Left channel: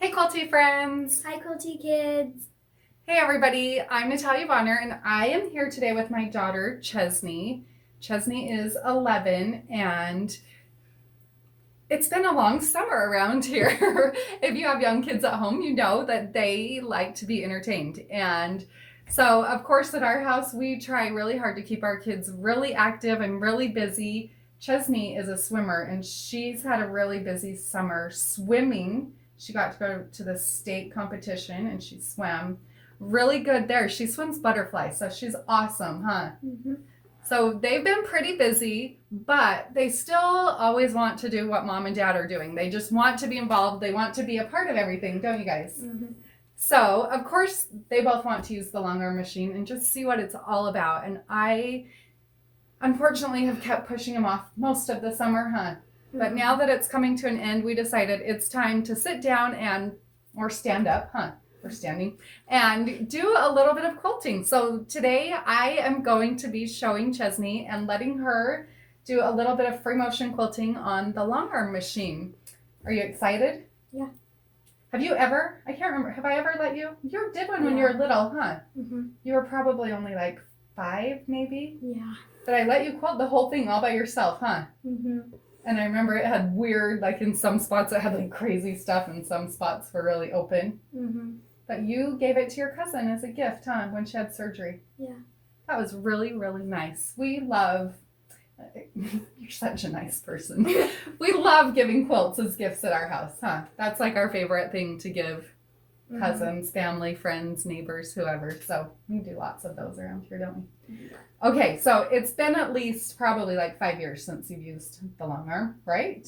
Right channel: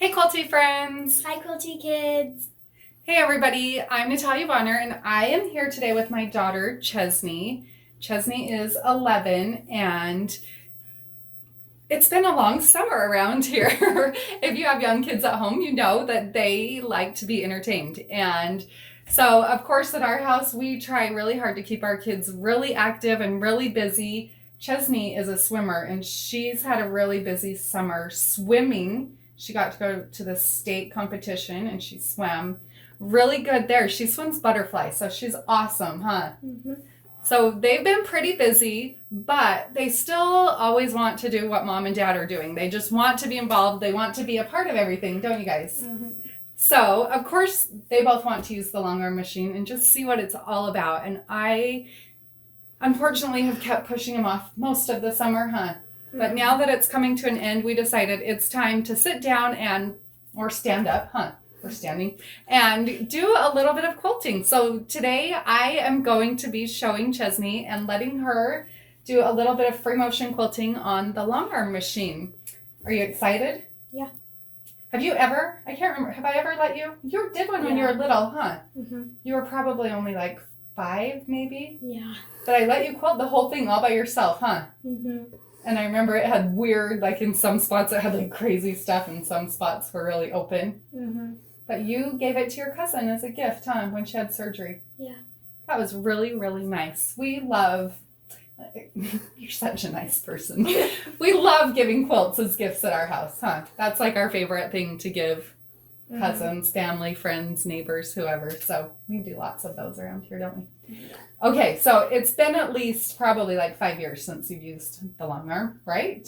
Hey Quilty friends! Hi Quilty kids! Hey everybody, I'm Natalia Bonner and I am here today with my daughter Chesney. Chesney is 11 and it's been a long summer around here. If you have young kids at home, you know that they like to be entertained. And so, of course, at our house, we try really hard to keep our kids really active and really busy. Chesney is a swimmer and she's had a really busy summer swimming. She got to go to the state competition and she swam really good there. She swims butterfly, so she's awesome, huh? Mm-hmm. So they've been pretty busy, but they still always want to do what mom and dad are doing. They just want to be involved. They want to be a part of everything, don't you guys? Mm-hmm. So, of course, they both want to use the long arm machine and just see what it's all about. And I, unfortunately, have kept pushing them off most of the summer, huh? But now that it's coming to an end, we decided it's time to sit down or stand up, huh? We're standing, and do a little bit of quilting. So today I am going to be showing Chesney and letting her do a little bit of free motion quilting on the long arm machine. Are you excited? Yeah. Have you ever, I can't remember, have I ever let you? You did one when you were little, huh? Mm-hmm. You were probably only like 5 maybe? Yeah. But I let you quilt the whole thing all by yourself, huh? Mm-hmm. And I remember it had weird, like in some spots it had like crazy stuff and some spots were really open. Mm-hmm. But you gave it to your cousin as a gift, huh, when she had surgery. Yeah. That was really, really nice. We love, you're such a nice person. We love giving quilts as gifts at our house, huh? That's like our favorite thing to give cousins, family, friends, neighbors, whoever. So we do lots of those around here, don't we? Okay, so it's been at least probably like 5 years since you've used the long arm, right?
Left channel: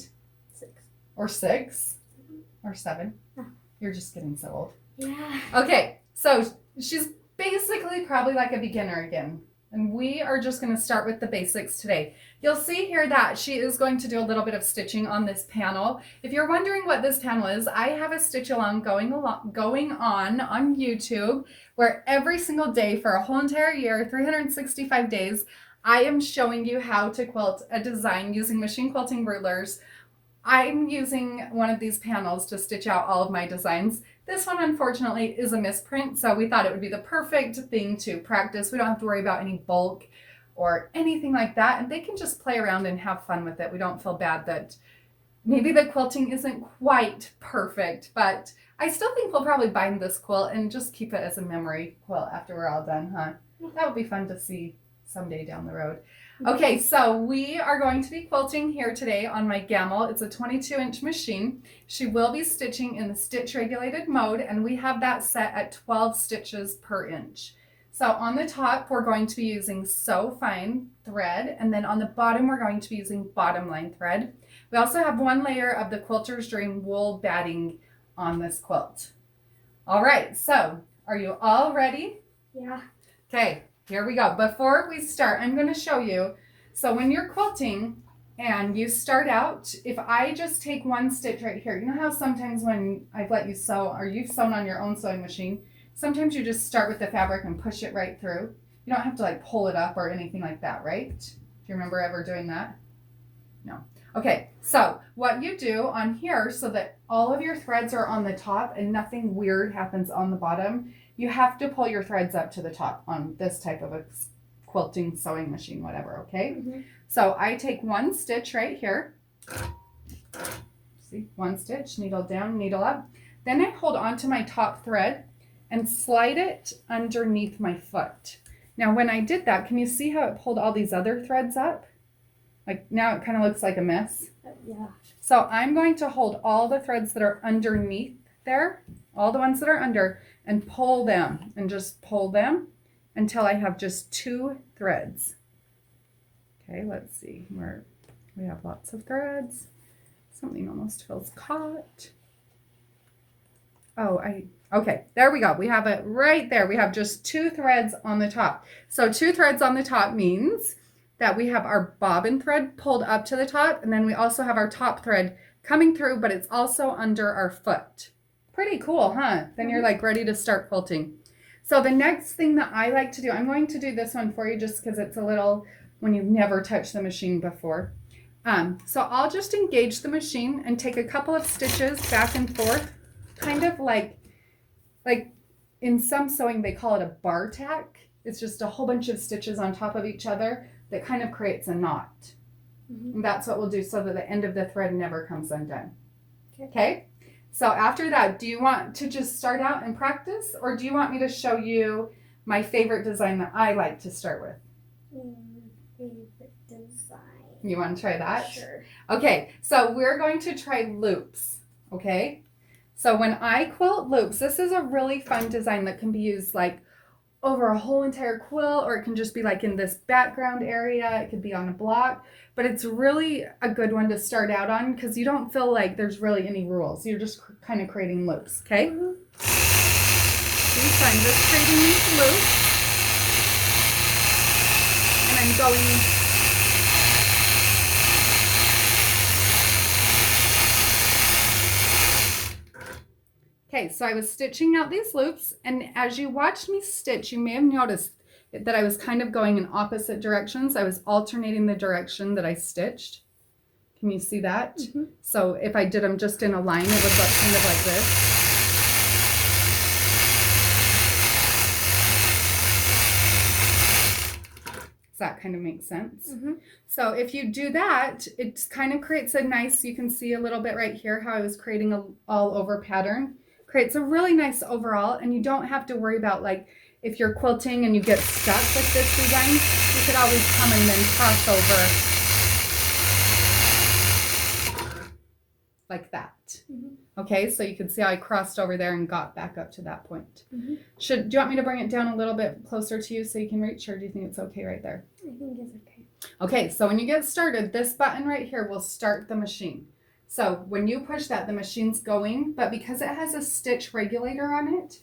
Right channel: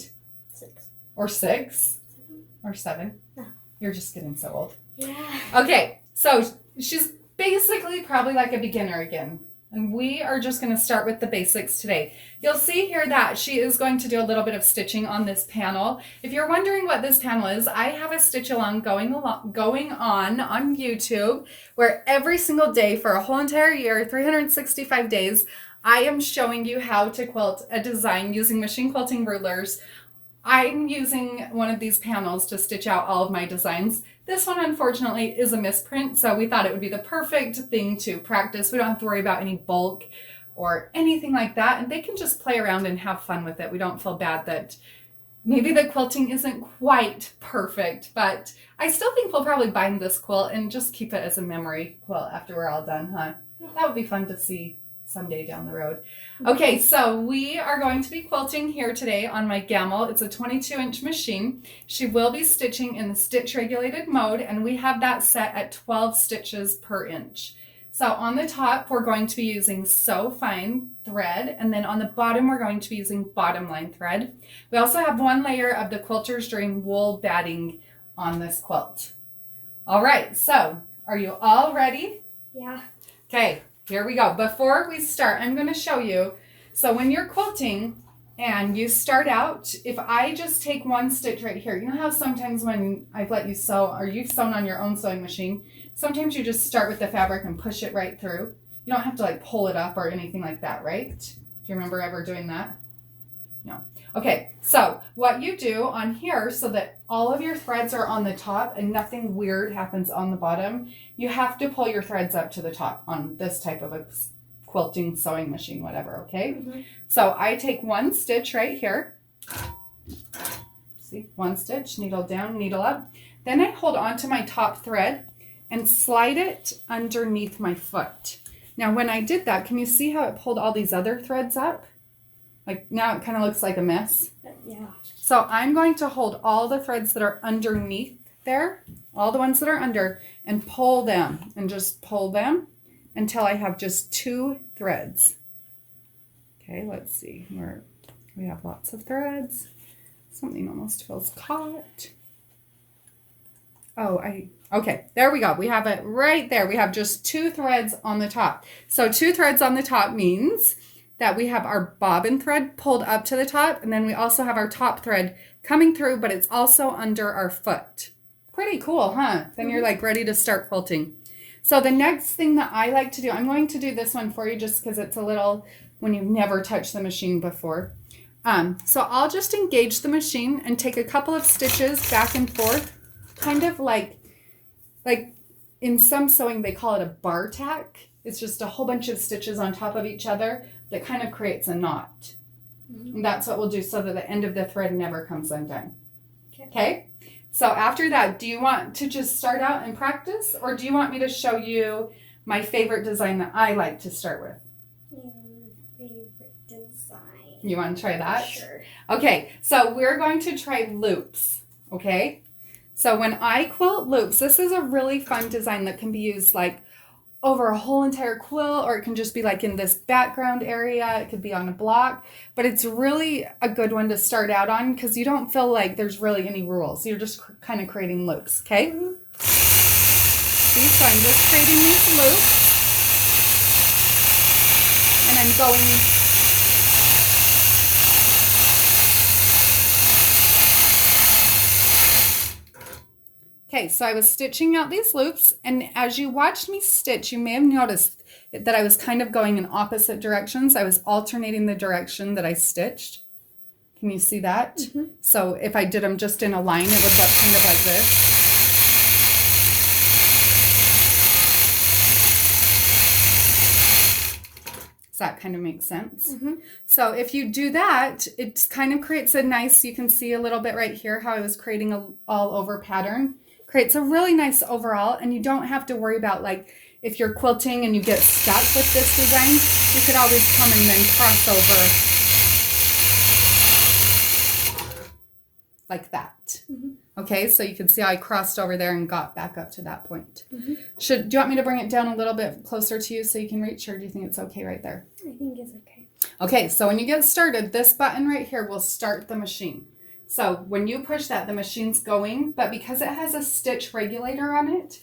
6. Or 6? 7. Or 7? Oh. You're just getting so old. Yeah. Okay, so she's basically probably like a beginner again. And we are just going to start with the basics today. You'll see here that she is going to do a little bit of stitching on this panel. If you're wondering what this panel is, I have a stitch along going on YouTube where every single day for a whole entire year, 365 days, I am showing you how to quilt a design using machine quilting rulers. I'm using one of these panels to stitch out all of my designs. This one, unfortunately, is a misprint, so we thought it would be the perfect thing to practice. We don't have to worry about any bulk or anything like that, and they can just play around and have fun with it. We don't feel bad that maybe the quilting isn't quite perfect, but I still think we'll probably bind this quilt and just keep it as a memory quilt after we're all done, huh? That would be fun to see someday down the road. Okay, so we are going to be quilting here today on my Gamel. It's a 22-inch machine. She will be stitching in the stitch regulated mode, and we have that set at 12 stitches per inch. So on the top, we're going to be using Sew Fine thread, and then on the bottom, we're going to be using bottom line thread. We also have one layer of the Quilter's Dream wool batting on this quilt. All right, so are you all ready? Yeah. Okay. Here we go. Before we start, I'm going to show you. So when you're quilting and you start out, if I just take one stitch right here, you know how sometimes when I've let you sew or you've sewn on your own sewing machine, sometimes you just start with the fabric and push it right through. You don't have to like pull it up or anything like that, right? Do you remember ever doing that? No. Okay, so what you do on here so that all of your threads are on the top and nothing weird happens on the bottom, you have to pull your threads up to the top on this type of a quilting sewing machine, whatever, okay? Mm-hmm. So I take one stitch right here. See, one stitch, needle down, needle up. Then I hold onto my top thread and slide it underneath my foot. Now when I did that, can you see how it pulled all these other threads up? Like now it kind of looks like a mess. Yeah. So I'm going to hold all the threads that are underneath there, all the ones that are under, and pull them and just pull them until I have just 2 threads. Okay, let's see. We have lots of threads. Something almost feels caught. Okay, there we go. We have it right there. We have just 2 threads on the top. So 2 threads on the top means that we have our bobbin thread pulled up to the top, and then we also have our top thread coming through, but it's also under our foot. Pretty cool, huh? Then you're like ready to start quilting. So the next thing that I like to do, I'm going to do this one for you just because it's a little, when you've never touched the machine before. So I'll just engage the machine and take a couple of stitches back and forth kind of like in some sewing they call it a bar tack. It's just a whole bunch of stitches on top of each other that kind of creates a knot. And that's what we'll do so that the end of the thread never comes undone. Okay? So after that, do you want to just start out and practice, or do you want me to show you my favorite design that I like to start with? Your favorite design. You want to try that? Sure. Okay, so we're going to try loops, okay? So when I quilt loops, this is a really fun design that can be used like over a whole entire quilt, or it can just be like in this background area. It could be on a block, but it's really a good one to start out on because you don't feel like there's really any rules. You're just kind of creating loops, okay? See, so I'm just creating these loops, and I'm going okay, so I was stitching out these loops, and as you watched me stitch, you may have noticed that I was kind of going in opposite directions. I was alternating the direction that I stitched. Can you see that? So if I did them just in a line, it would look kind of like this. Does that kind of make sense? So if you do that, it kind of creates a nice, you can see a little bit right here how I was creating a all over pattern. Creates a really nice overall, and you don't have to worry about like if you're quilting and you get stuck with this design, you could always come and then cross over like that. Okay, so you can see how I crossed over there and got back up to that point. Do you want me to bring it down a little bit closer to you so you can reach, or do you think it's okay right there? I think it's okay. Okay, so when you get started, this button right here will start the machine. So when you push that, the machine's going, but because it has a stitch regulator on it,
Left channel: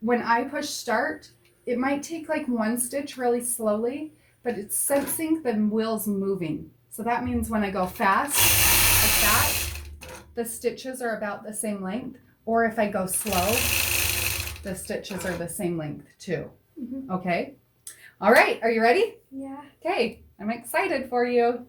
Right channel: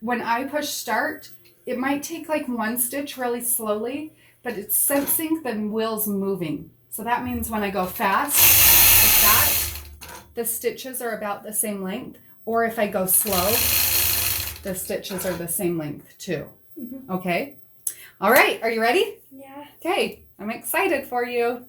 when I push start, it might take like one stitch really slowly, but it's sensing the wheels moving. So that means when I go fast, like that, the stitches are about the same length, or if I go slow, the stitches are the same length too. Okay? All right, are you ready? Yeah. Okay, I'm excited for you.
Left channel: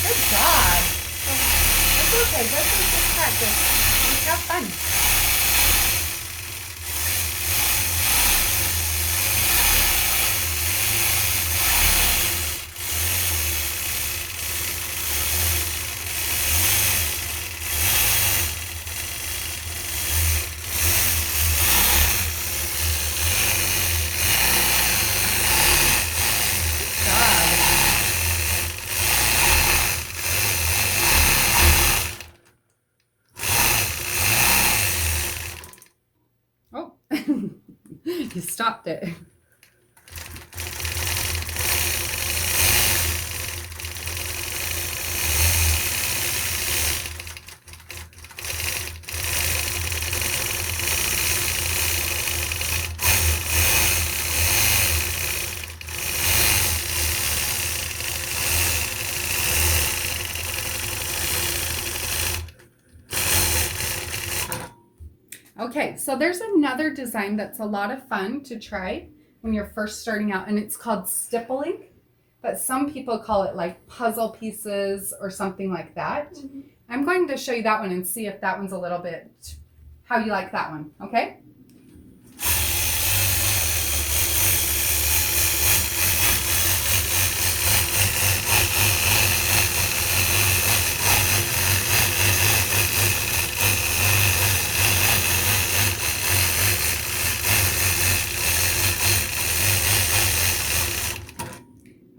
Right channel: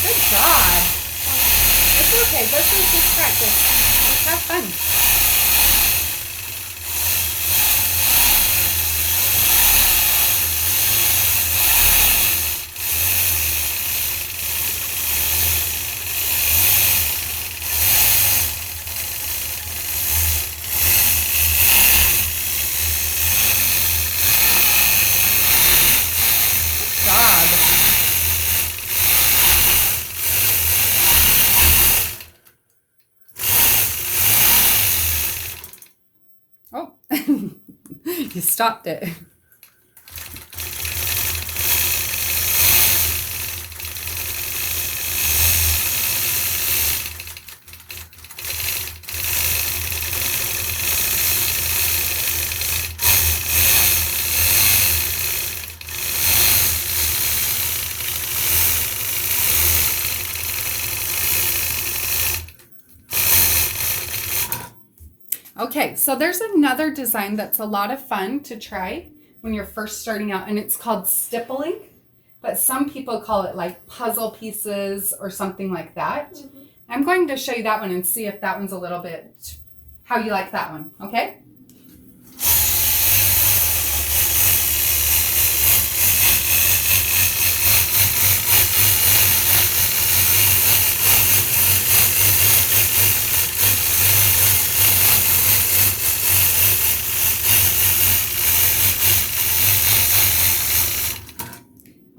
Good job. It's okay. This is just practice. Just have fun. Oh, you stopped it. Okay, so there's another design that's a lot of fun to try when you're first starting out, and it's called stippling, but some people call it like puzzle pieces or something like that. I'm going to show you that one and see if that one's a little bit how you like that one, okay?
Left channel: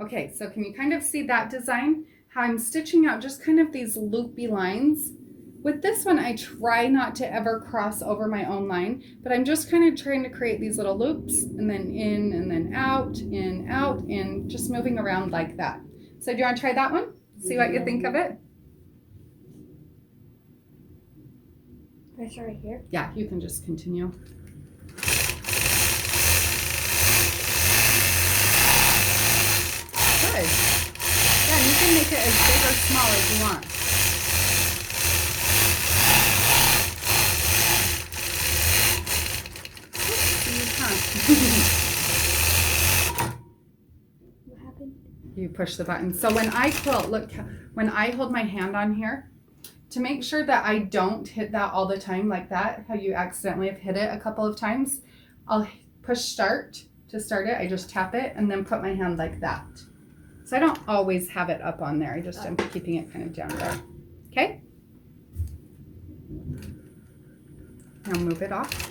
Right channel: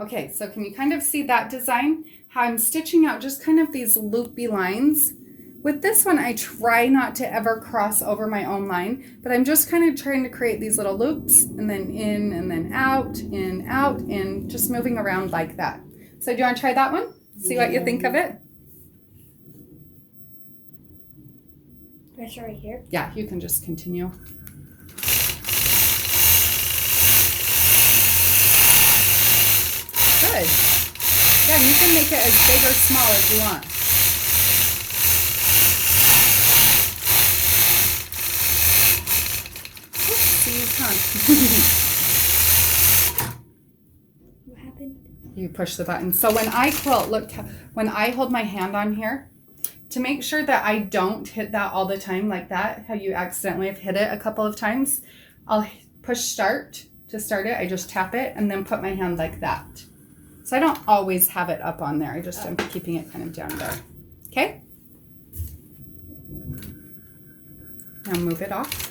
Okay, so can you kind of see that design? How I'm stitching out just kind of these loopy lines. With this one, I try not to ever cross over my own line, but I'm just kind of trying to create these little loops and then in and then out, and just moving around like that. So do you want to try that one? See what you think of it? Press right here. Yeah, you can just continue. Good. Yeah, and you can make it as big or small as you want. See, come on. You push the button. So when I quilt, look, when I hold my hand on here, to make sure that I don't hit that all the time like that, how you accidentally have hit it a couple of times, I'll push start to start it. I just tap it and then put my hand like that. So I don't always have it up on there. I just am keeping it kind of down there. Okay? Now move it off.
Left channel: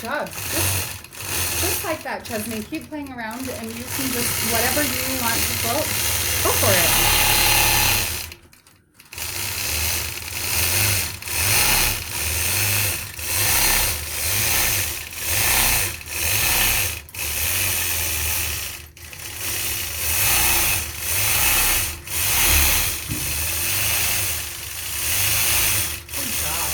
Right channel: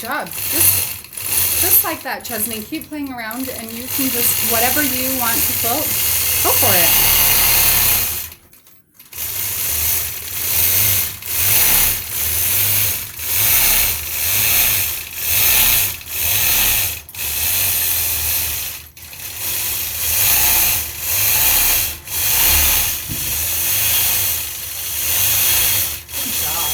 Job. Just like that, Chesney. Keep playing around and you can just, whatever you want to quilt, go for it. Good job.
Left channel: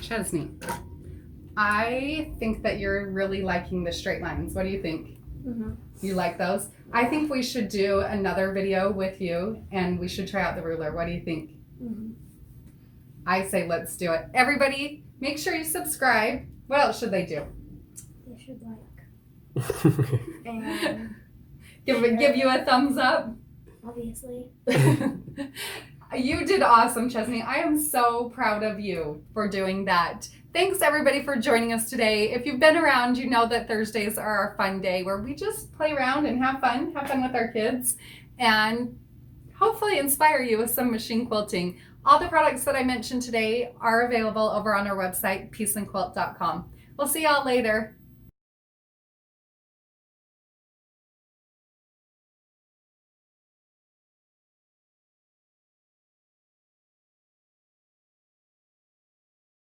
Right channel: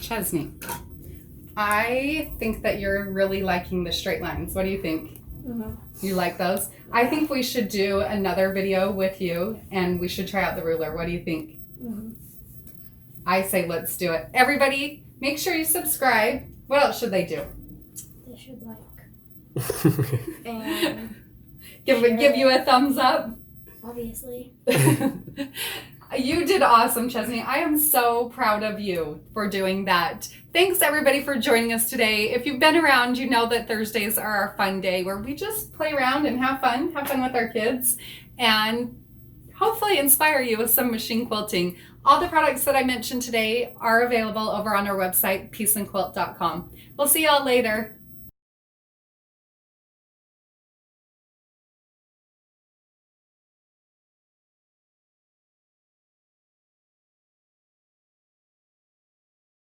Chesney, I think that you're really liking the straight lines. What do you think? Mm-hmm. You like those? I think we should do another video with you and we should try out the ruler. What do you think? Mm-hmm. I say let's do it. Everybody, make sure you subscribe. What else should they do? They should like and Give you a thumbs up. obviously. You did awesome, Chesney. I am so proud of you for doing that. Thanks everybody for joining us today. If you've been around, you know that Thursdays are our fun day where we just play around and have fun with our kids and hopefully inspire you with some machine quilting. All the products that I mentioned today are available over on our website, peaceandquilt.com. We'll see y'all later.